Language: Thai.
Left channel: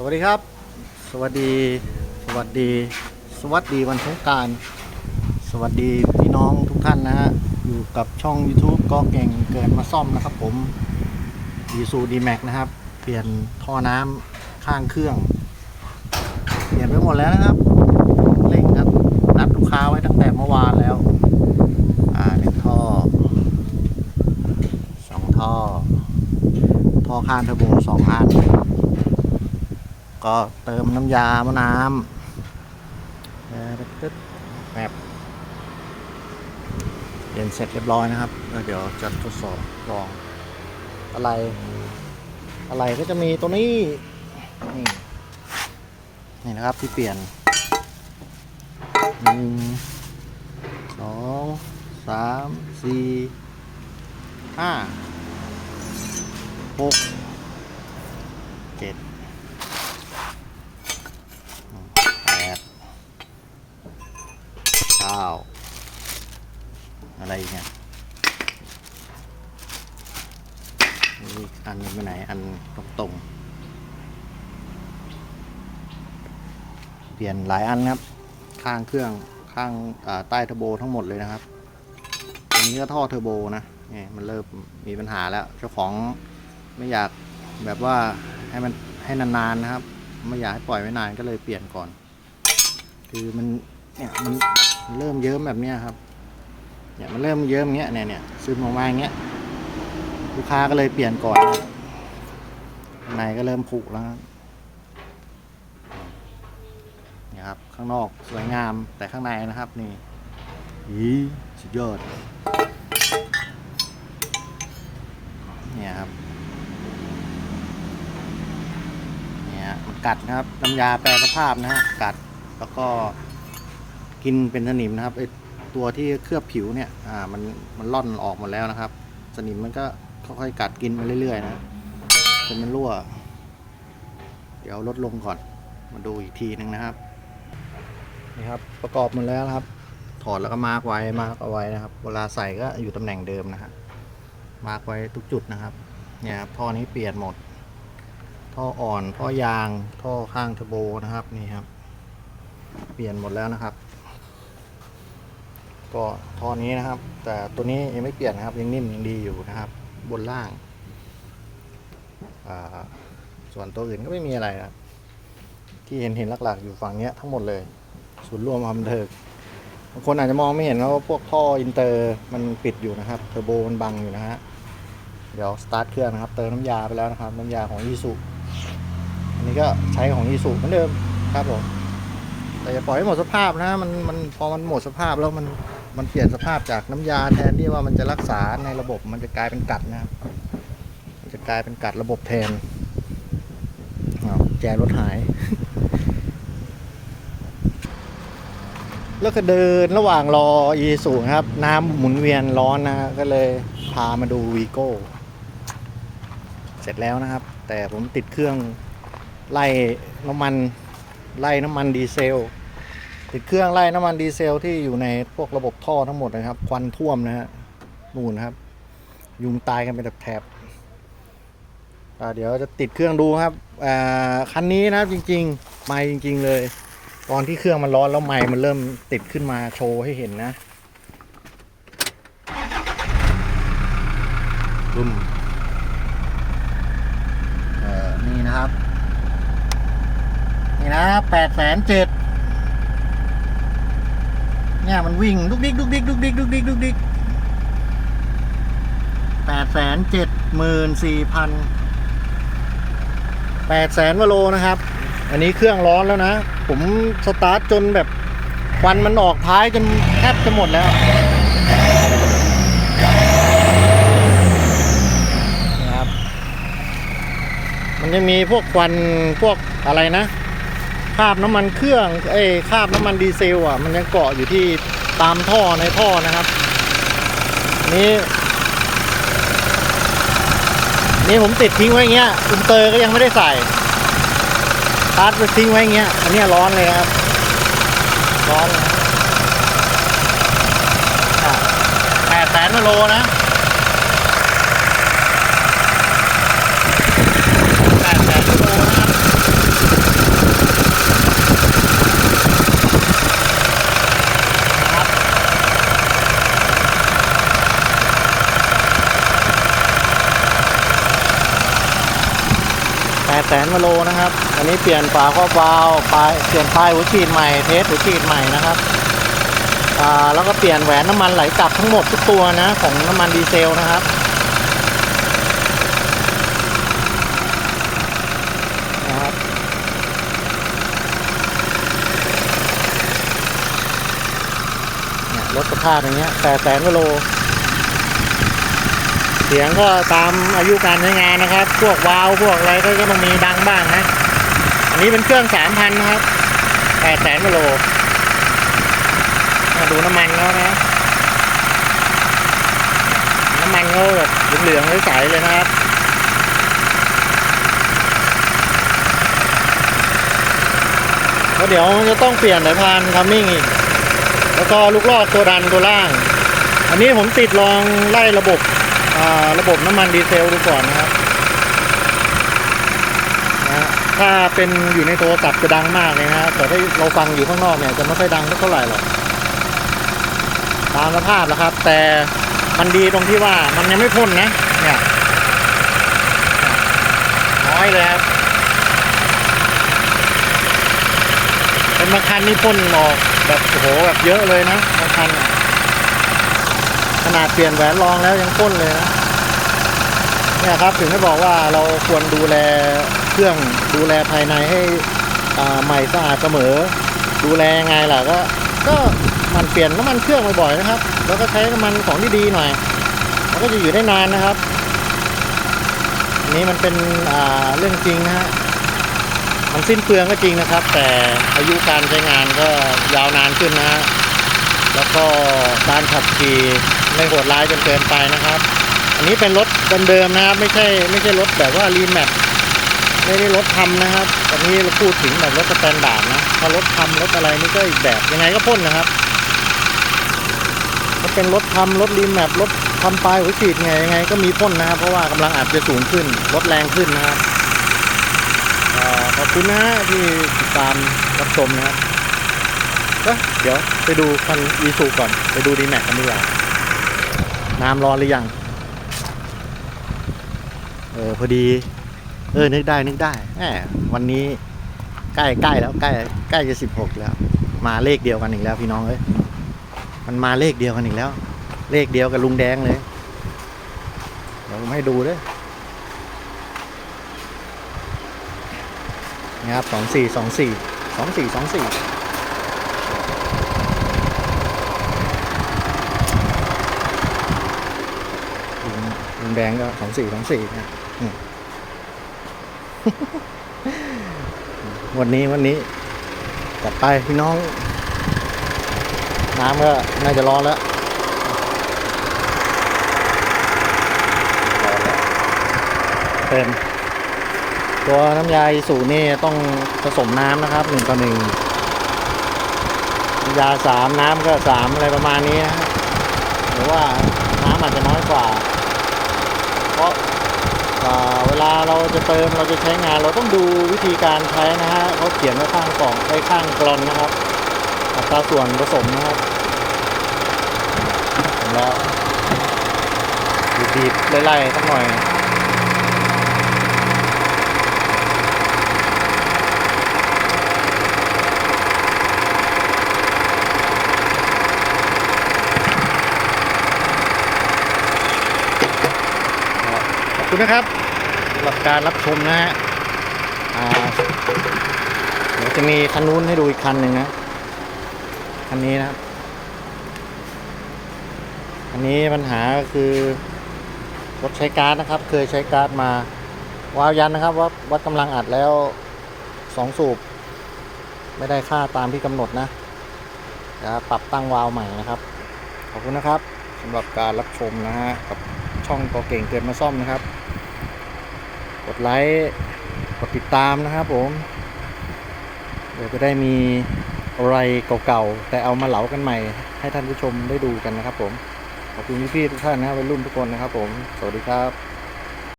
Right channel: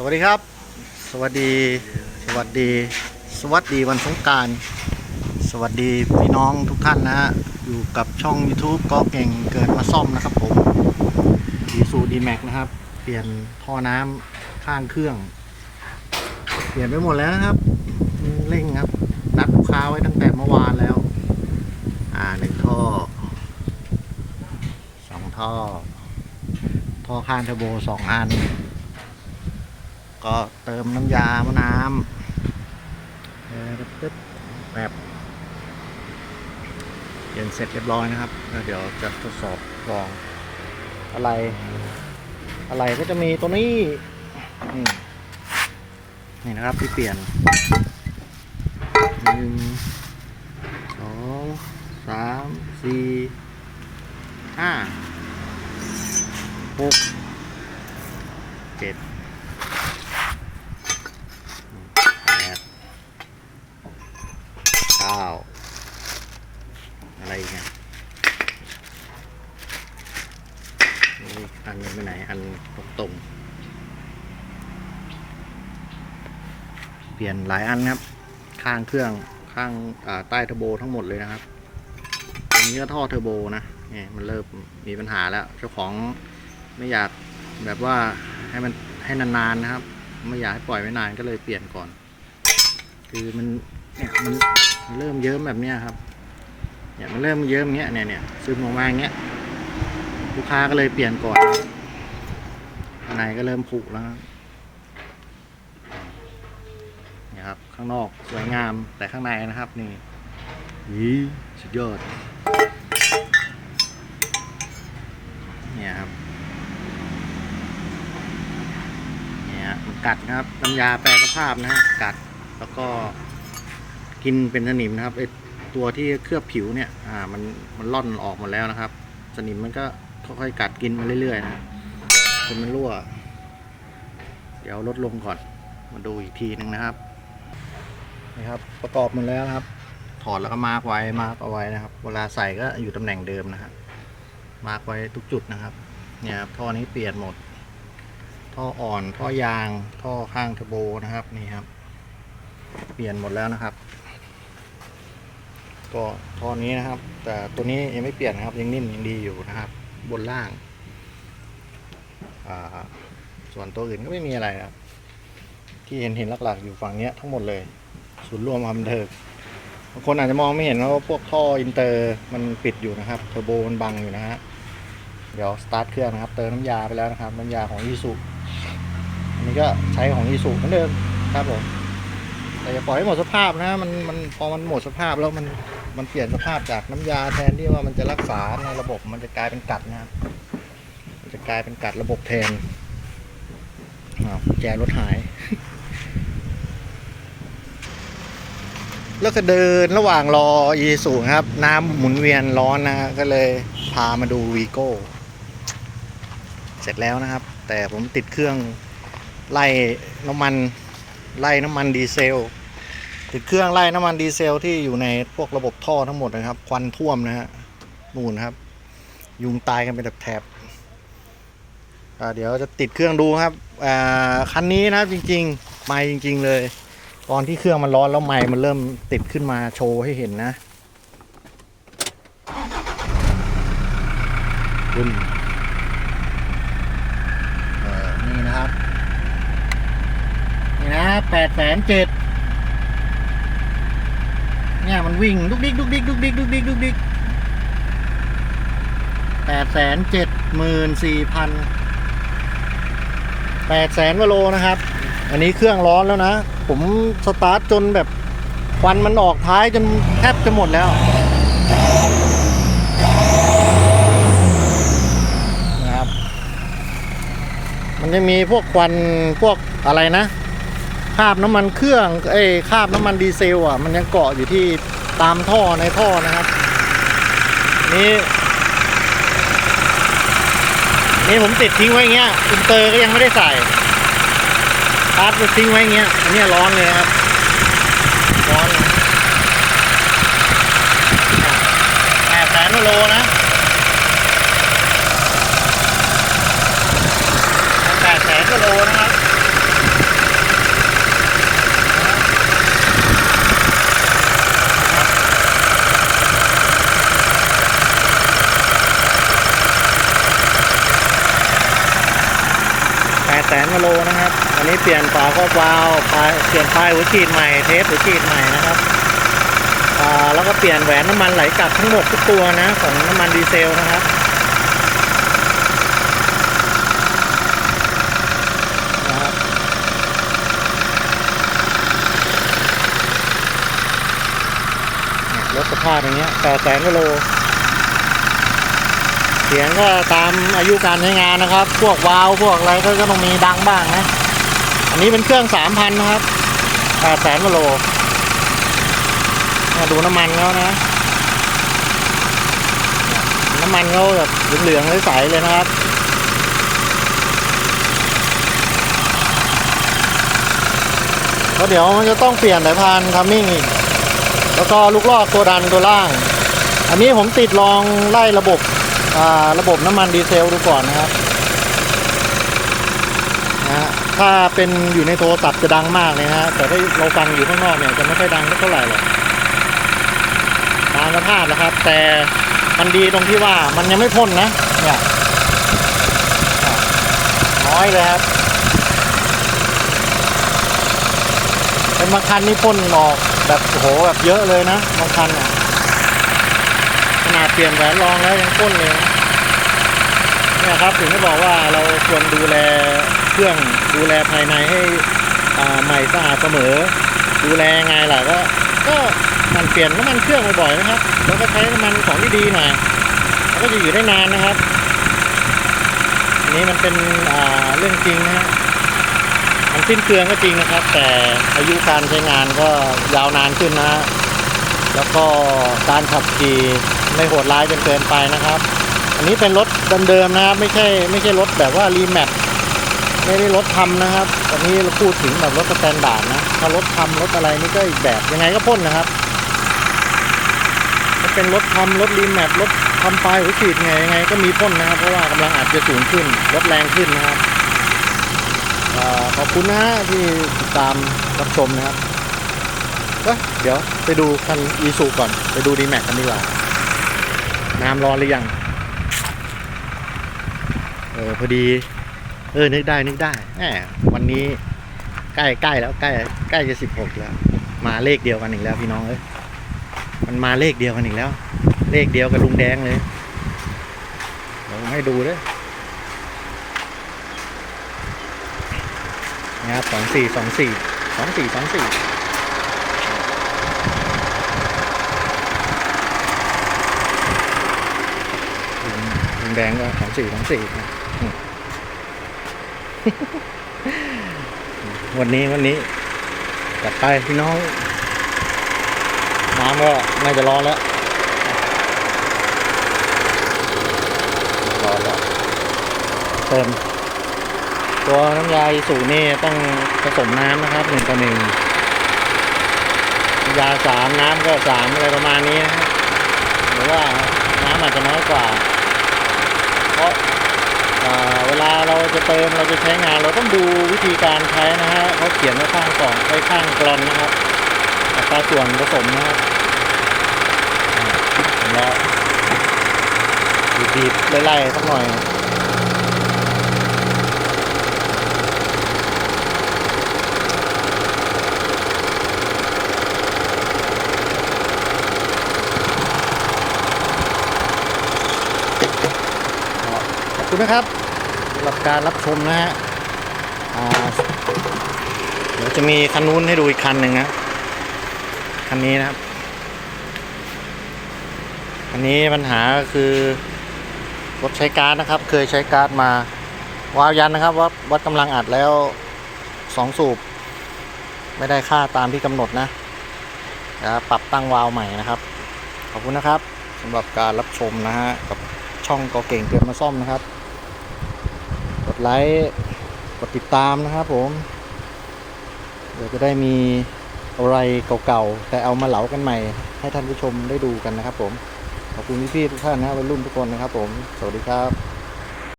สวัสดีครับ สวัสดี สวัสดี สวัสดีวันสงการ สวัสดีพี่น้องทุกท่านนะฮะ อยู่กับช่อง YouTube ก็เก่งเกินมาซ่อมนะครับผมดีสูดีแม็กนะครับ เปลี่ยนท่อน้ำข้างเครื่อง เปลี่ยนไปหมดแล้วนะครับ เร่งครับ นัดลูกค้าไว้ตั้งแต่เมื่อวานแล้ว อ่าหนึ่งท่อสองท่อ ท่อข้างเทอร์โบสองอัน ก็เติมน้ำยามะน้ำเอ่อปึ๊บแบบเปลี่ยนเสร็จเรียบร้อยนะครับแล้วเดี๋ยวจะทดสอบลอง อะไร อะไรก็จะมีตัวนี้ นี่ นี่นะครับที่เปลี่ยนหนึ่งสองสามสี่ห้าหกเจ็ดแปดเก้าอะไรอีกเนี่ยนี่อันหนึงไปไหน อัน ตรง เปลี่ยนหลายอันครับ ข้างเครื่องข้างใต้เทอร์โบทั้งหมดเลยนะครับอันนี้ก็ท่อเทอร์โบนะนี่มันเริ่มมีปัญหาแล้ว เจ้าของไม่อยากแบบว่าให้มันให้นานๆนะครับ ไม่อยากให้ปล่อยไว้นานก็เลยเปลี่ยนก่อน คือมันเนี่ยมันเริ่มเยิ้มแบบเนี้ยครับเนี่ยมันเริ่มเยิ้มเงี้ยเนี่ยเนี่ยซึมออกมาอย่างเงี้ยลูกค้าก็เลยเปลี่ยนก่อนครับ ในก็เริ่มผุแล้วนี่ครับ ข้างนอกสวยงามแต่ข้างในนะครับนี่ยีสุดยอดเนี่ยครับเนี่ยมันกัดนะครับน้ำยาแปรสภาพนะฮะกัดแล้วก็กินเป็นสนิมนะครับไอตัวที่เคลือบผิวเนี่ยอ่ามันมันล่อนออกหมดแล้วนะครับ สนิมมันก็ค่อยๆกัดกินมาเรื่อยๆนะ จนมันรั่ว เดี๋ยวลดลงก่อน มาดูอีกทีนึงนะครับ นี่ครับ ประกอบหมดแล้วครับ ถอดแล้วก็มาร์กไว้ มาร์กเอาไว้นะครับ เวลาใส่ก็อยู่ตำแหน่งเดิมนะครับ มาร์กไว้ทุกจุดนะครับ เนี่ยครับ ท่อนี้เปลี่ยนหมด ท่ออ่อน ท่อยาง ท่อข้างเทอร์โบนะครับ นี่ครับ เปลี่ยนหมดแล้วนะครับ ก็ท่อนี้นะครับ แต่ตัวนี้ยังไม่เปลี่ยนนะครับ ยังนิ่มยังดีอยู่นะครับ บนล่าง ส่วนตัวอื่นก็ไม่มีอะไรนะครับ ที่เห็นเห็นหลักๆ อยู่ฝั่งเนี้ยทั้งหมดเลย ศูนย์รวมความเทิงบางคนอาจจะมองไม่เห็นว่าพวกท่ออินเตอร์มันปิดอยู่นะครับเทอร์โบมันบังอยู่นะฮะเดี๋ยวสตาร์ทเครื่องนะครับ เติมน้ำยาไปแล้วนะครับ น้ำยาของยีสุอันนี้ก็ใช้ของยีสุเหมือนเดิมครับผมแต่อย่าปล่อยให้หมดสภาพนะมันมันพอมันหมดสภาพแล้วมันมันเปลี่ยนสภาพจากน้ำยาแทนที่ว่ามันจะรักษาในระบบมันจะกลายเป็นกัดนะครับ จะกลายเป็นกัดระบบแทนแจรถหาย แล้วก็เดินระหว่างรออีสูครับ น้ำหมุนเวียนร้อนนะ ก็เลยพามาดูวีโก้ เสร็จแล้วนะครับ แต่ผมติดเครื่องไล่น้ำมันไล่น้ำมันดีเซล ติดเครื่องไล่น้ำมันดีเซลที่อยู่ในพวกระบบท่อทั้งหมดนะครับ ควันท่วมนะฮะ นู่นครับ ยุงตายกันเป็นแถบ เดี๋ยวจะติดเครื่องดูครับอ่าคันนี้นะจริงๆไม่จริง ๆ เลย ตอนที่เครื่องมันร้อนแล้วไม้มันเริ่มติดขึ้นมาโชว์ให้เห็นนะบึ้มนี่นะครับ นี่นะแปดแสนเจ็ดเนี่ยมันวิ่งดุกดิกดุกดิกดุกดิกดุกดิกดุกดิกแปดแสนเจ็ดหมื่นสี่พัน แปดแสนวโลนะครับ อันนี้เครื่องร้อนแล้วนะ ผมสตาร์ทจนแบบควันมันออกท้ายจนแทบจะหมดแล้วนะครับ มันจะมีพวกควันพวกอะไรนะคราบน้ำมันเครื่องเอ้คราบน้ำมันดีเซลอะ มันยังเกาะอยู่ที่ตามท่อในท่อนะครับ นี่ นี่ผมติดทิ้งไว้อย่างเงี้ยอินเตอร์ก็ยังไม่ได้ใส่ตาร์จไปทิ้งไว้อย่างเงี้ยอันนี้ร้อนเลยครับ ร้อนเลยแปดแสนโลนะแปดแสนโลนะครับ ด แสนกิโลนะครับ อันนี้เปลี่ยนฝาครอบวาล์วปลายเปลี่ยนปลายหัวฉีดใหม่เทสหัวฉีดใหม่นะครับอ่าแล้วก็เปลี่ยนแหวนน้ำมันไหลกลับทั้งหมดทุกตัวนะของน้ำมันดีเซลนะครับนะครับเนี่ยรถสภาพอย่างเงี้ยแปดแสนกิโล เสียงก็ตามอายุการใช้งานนะครับ พวกวาล์วพวกอะไรก็ต้องมีดังบ้างนะ อันนี้เป็นเครื่องสามพันนะครับแปดแสนกิโลมาดูน้ำมันเขานะ น้ำมันเขาแบบเหลืองๆใสๆเลยนะครับแล้วเดี๋ยวมันจะต้องเปลี่ยนสายพานคัมมิ่งอีก แล้วก็ลูกลอกตัวดันตัวล่าง อันนี้ผมติดลองไล่ระบบ ระบบน้ำมันดีเซลดูก่อนนะครับนะฮะถ้าเป็นอยู่ในโทรศัพท์จะดังมากเลยนะฮะแต่ถ้าเราฟังอยู่ข้างนอกเนี่ยจะไม่ค่อยดังเท่าไหร่หรอกตามสภาพนะครับ แต่มันดีตรงที่ว่ามันยังไม่พ่นนะเนี่ยน้อยเลยครับเป็นบางคันนี่พ่นออกแบบโอ้โหแบบเยอะเลยนะบางคันอะ ขนาดเปลี่ยนแหวนรองแล้วยังก้นเลยเนี่ยครับถึงได้บอกว่าเราควรดูแลเครื่องดูแลภายในให้ใหม่สะอาดเสมอ ดูแลยังไงล่ะก็ ก็มันเปลี่ยนน้ำมันเครื่องบ่อยๆนะครับ แล้วก็ใช้น้ำมันของที่ดีหน่อยแล้วก็จะอยู่ได้นานนะครับอันนี้มันเป็นเรื่องจริงนะฮะมันสิ้นเปลืองก็จริงนะครับ แต่อายุการใช้งานก็ยาวนานขึ้นนะฮะแล้วก็การขับขี่ ไม่โหดร้ายจนเกินไปนะครับ อันนี้เป็นรถเดิมๆนะครับ ไม่ใช่ไม่ใช่รถแบบว่ารีแมปไม่ได้รถทำนะครับตอนนี้เราพูดถึงแบบรถสแตนดาร์ดนะถ้ารถทำรถอะไรนี่ก็อีกแบบยังไงก็พ่นนะครับถ้าเป็นรถทำรถรีแมปรถทำปลายหัวฉีดไงยังไง ก็มีพ่นนะครับ เพราะว่ากำลังอาจจะสูงขึ้นรถแรงขึ้นนะครับอขอบคุณนะฮะที่ติดตามรับชมนะครับเอ้ยเดี๋ยวไปดูคันอีซูก่อน ไปดูดีแม็กกันดีกว่า น้ำร้อนหรือยัง เออพอดี เออ นึกได้ นึกได้แหมวันนี้ใกล้ใกล้แล้วใกล้ใกล้จะสิบหกแล้ว มาเลขเดียวกันอีกแล้วพี่น้องเอ้ยมันมาเลขเดียวกันอีกแล้ว เลขเดียวกับลุงแดงเลยเดี๋ยวผมให้ดูด้วยนะครับสองสี่สองสี่สองสี่สองสี่ ลุงลุงแดงก็สองสี่สองสี่นะวันนี้วันนี้จัดไปพี่น้อง น้ำก็น่าจะร้อนแล้วร้อนแล้วเต็มตัวน้ำยาอีสูนี่ต้องผสมน้ำนะครับหนึ่งต่อหนึ่งยาสามน้ำก็สามอะไรประมาณนี้นะฮะหรือว่าน้ำอาจจะน้อยกว่า เพราะเวลาเราจะเติมเราจะใช้งาน เราต้องดูวิธีการใช้นะฮะเขาเขียนไว้ข้างกล่องไว้ข้างกลอนนะครับอัตราส่วนผสมนะครับแล้วบีบไล่ๆสักหน่อย คุณนะครับสำหรับการรับชมนะฮะอ่าเดี๋ยวจะมีคันนู้นให้ดูอีกคันหนึ่งนะ คันนี้นะครับคันนี้ปัญหาก็คือรถใช้การ์ดนะครับ เคยใช้การ์ดมาวาวยันนะครับว่าวัดกำลังอัดแล้วสองสูบ ไม่ได้ค่าตามที่กำหนดนะเดี๋ยวปรับตั้งวาล์วใหม่นะครับ ขอบคุณนะครับสำหรับการรับชมนะฮะกับช่องกอเก่งเกินมาซ่อมนะครับ กดไลค์กดติดตามนะครับผมเดี๋ยวจะได้มีอะไรเก่าๆ แต่เอามาเหลากันใหม่ ให้ท่านผู้ชมได้ดูกันนะครับผม ขอบคุณพี่ๆทุกท่านนะวัยรุ่นทุกคนนะครับผม สวัสดีครับ